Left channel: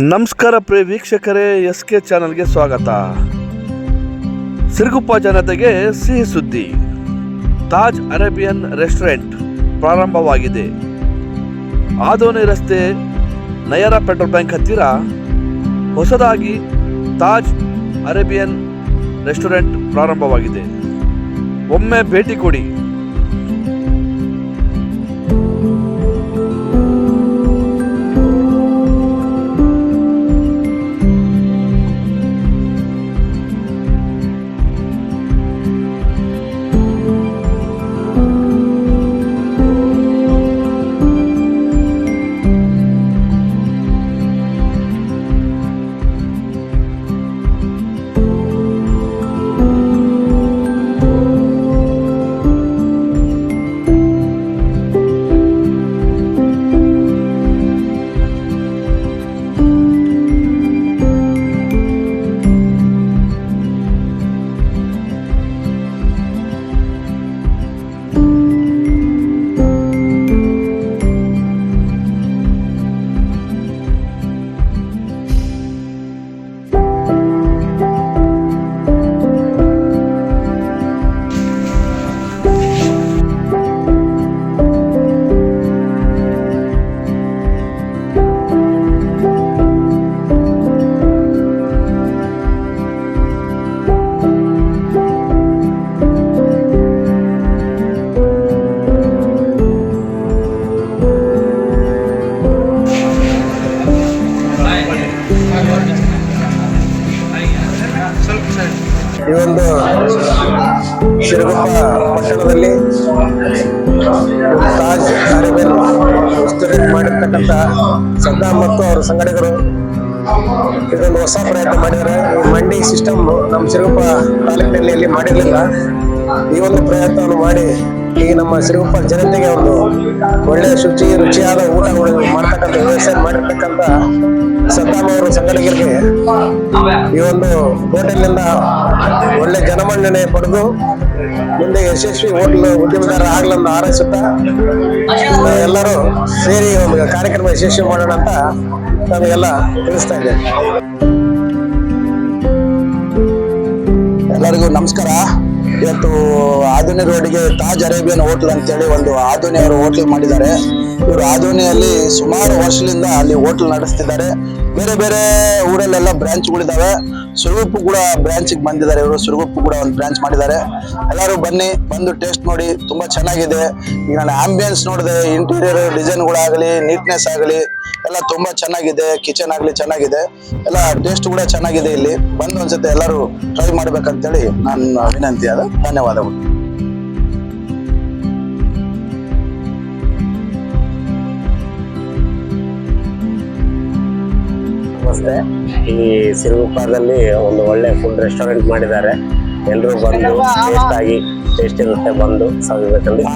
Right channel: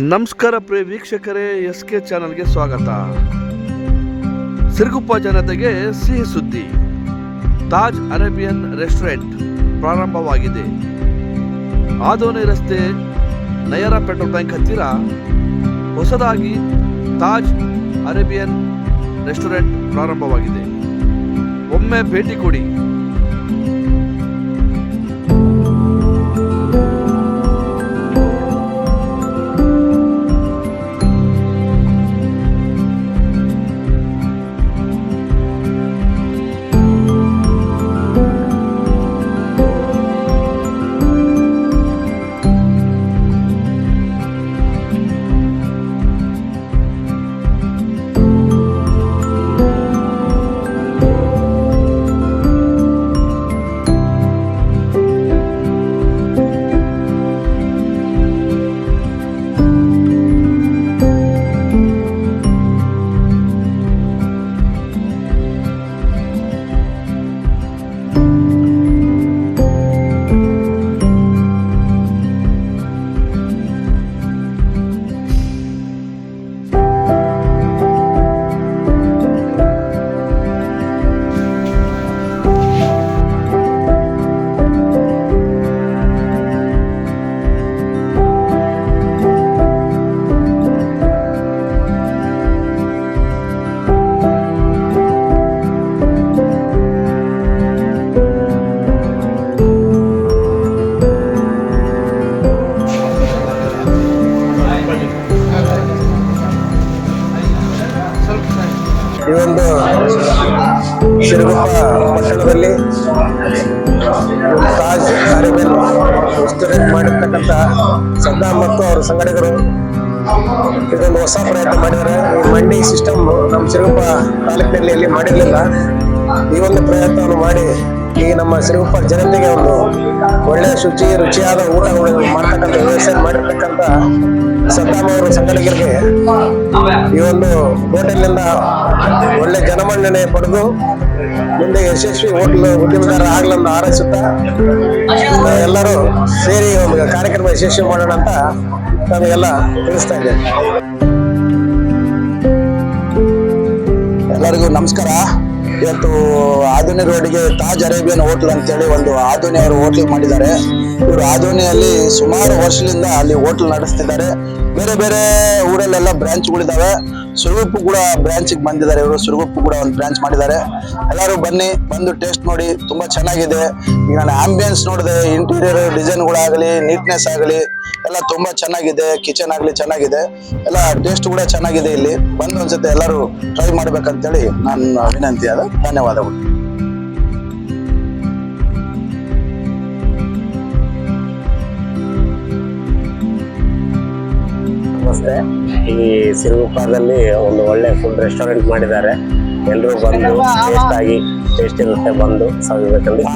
ನಮಸ್ಕಾರ ಪ್ರಿಯ ವೀಕ್ಷಕರೇ, SK ಚಾನಲ್ಗೆ ಸ್ವಾಗತ. ಸಿರುಗುಪ್ಪ ಜನತೆಗೆ ಸಿಹಿ ಸುದ್ದಿ. ತಾಜ್ ಅರೇಬಿಯನ್ ರೆಸ್ಟೋರೆಂಟ್ ಪ್ರಾರಂಭವಾಗಿದೆ. ಆದೋನಿ ರಸ್ತೆ ನಯರಾ ಪೆಟ್ರೋಲ್ ಬ್ಯಾಂಕ್ ಹತ್ತಿರ ಹೊಸದಾಗಿ ತಾಜ್ ಅರೇಬಿಯನ್ ರೆಸ್ಟೋರೆಂಟ್ ಪ್ರಾರಂಭವಾಗಿದೆ. ಒಮ್ಮೆ ಭೇಟಿ ಕೊಡಿ. ಈ ಒಂದು ಸಿರುಗುಪ್ಪ ಪಟ್ಟಣದಲ್ಲಿ ತಾಜ್ ಅರೇಬಿಯನ್ ರೆಸ್ಟೋರೆಂಟ್ ಮಾಡಿರ್ತಕ್ಕಂಥ ಸದ್ದಾಂ ಮತ್ತು ಅವರ ಸಂಘಟಕರು ಇದೊಂದು ಹೊಸ ಪ್ರಯತ್ನ ಮಾಡಿದ್ದಾರೆ. ಈ ಮಂಡಿ ಸಿಸ್ಟಮ್ ನಮ್ಮ ಸಿರುಗುಪ್ಪ ತಾಲೂಕಿನಲ್ಲಿ ಎಲ್ಲಿ ಮಾಡಿರಲಿಲ್ಲ. ಈ ಒಂದು ಪ್ರಯತ್ನವನ್ನು ಮಾಡಿ ಈ ನಮ್ಮ ಸಿರುಗುಪ್ಪ ಜನತೆಗೆ ಒಂದು ಒಳ್ಳೆ ರುಚಿಯಾದ ಊಟ ಮಾಡ್ತಕ್ಕಂಥ ವ್ಯವಸ್ಥೆ ಮಾಡಿರ್ತಕ್ಕಂಥ ಸದ್ದಾಂ ಅವರ ಸಂಘಟಕರಿಗೆ ಈ ಒಂದು ಹೋಟೆಲ್ನಿಂದ ಒಳ್ಳೆ ಜನಮನ್ನಣೆ ಪಡೆದು ಮುಂದೆ ಯಶಸ್ವಿ ಹೋಟೆಲ್ ಉದ್ಯಮದಾರ ಆಗ್ಲನ್ನು ಹಾರೈಸುತ್ತಾ ಎಲ್ಲರೂ ಸೇರಿ ಒಂದು ಕಾರ್ಯಕ್ರಮ ಯಶಸ್ವಿ ಮಾಡೋಣ ಅಂತ ನಮಗೆಲ್ಲ ತಿಳಿಸ್ತಾ ಇದ್ದೇನೆ. ಎಲ್ಲರಿಗೂ ನಮಸ್ಕಾರ. ಇವತ್ತು ಆದೋನಿ ರೋಡ್ಗೆ ತಾಜ್ ಅರೇಬಿಯನ್ ಹೋಟ್ಲ್ ಅಂತೇಳಿ ಒಂದು ಆದೋನಿ ಅವರು ಹೋಟ್ಲ್ ಮಾಡಿದ್ದಾರೆ. ಇವರು ಆದೋನಿಯಲ್ಲಿ ಸುಮಾರು ವರ್ಷದಿಂದ ಅಲ್ಲಿ ಹೋಟ್ಲ್ ನಡೆಸ್ತಿದ್ದಾರೆ. ಬೇರೆ ಬೇರೆ ಊರಲ್ಲೆಲ್ಲ ಬ್ರಾಂಚ್ಗಳಿದ್ದಾವೆ. ಸುರುಗುಪ್ಪು ಕೂಡ ಬ್ರಾಂಚಿಗೆ ಬಂದಿದ್ದಾರೆ. ಇವರು ಸುರುಗುಪ್ಪು ಕೂಡ ಒಂದು ಬ್ರಾಂಚ್ ಮಾಡಿದ್ದಾರೆ. ಎಲ್ಲರೂ ಬನ್ನಿ, ಬಂದು ಟೇಸ್ಟ್ ನೋಡಿ. ತುಂಬಾ ಚೆನ್ನಾಗಿದೆ. ಈಗ ನಾನು ಆಂಬಿಯನ್ಸ್ ನೋಡಿದೆ, ಇಂಟೀರಿಯರ್ ಡಿಸೈನ್ಗಳಾಗಲಿ, ನೀಟ್ನೆಸ್ ಆಗಲಿ ಎಲ್ಲ ತುಂಬಾ ಚೆನ್ನಾಗಿದೆ. ಕಿಚನ್ ಆಗಲಿ ಚೆನ್ನಾಗಿದೆ. ಎಲ್ಲ ಟೇಸ್ಟ್ ಕೂಡ ಚೆನ್ನಾಗಿದೆ. ಇಲ್ಲಿ ಬಂದು ಒಂದ್ಸತಿ ಎಲ್ಲರೂ ಟ್ರೈ ಮಾಡ್ಬೇಕಂತೇಳಿ ನನ್ನ ವಿನಂತಿ. ಅದ ಧನ್ಯವಾದಗಳು. ನಮಸ್ತೆ. ಈ ಸಿರುಗುಪ್ಪದಲ್ಲಿ ಒಂದು ಒಳ್ಳೆ ಫುಡ್ ರೆಸ್ಟೋರೆಂಟ್ ಮಾಡಿದ್ದಾರೆ. ಎಲ್ಲರೂ ಬಂದು ಟೇಸ್ಟ್ ಇರುತ್ತೆ, ಬಂದು ಸವಿಬೇಕಂತ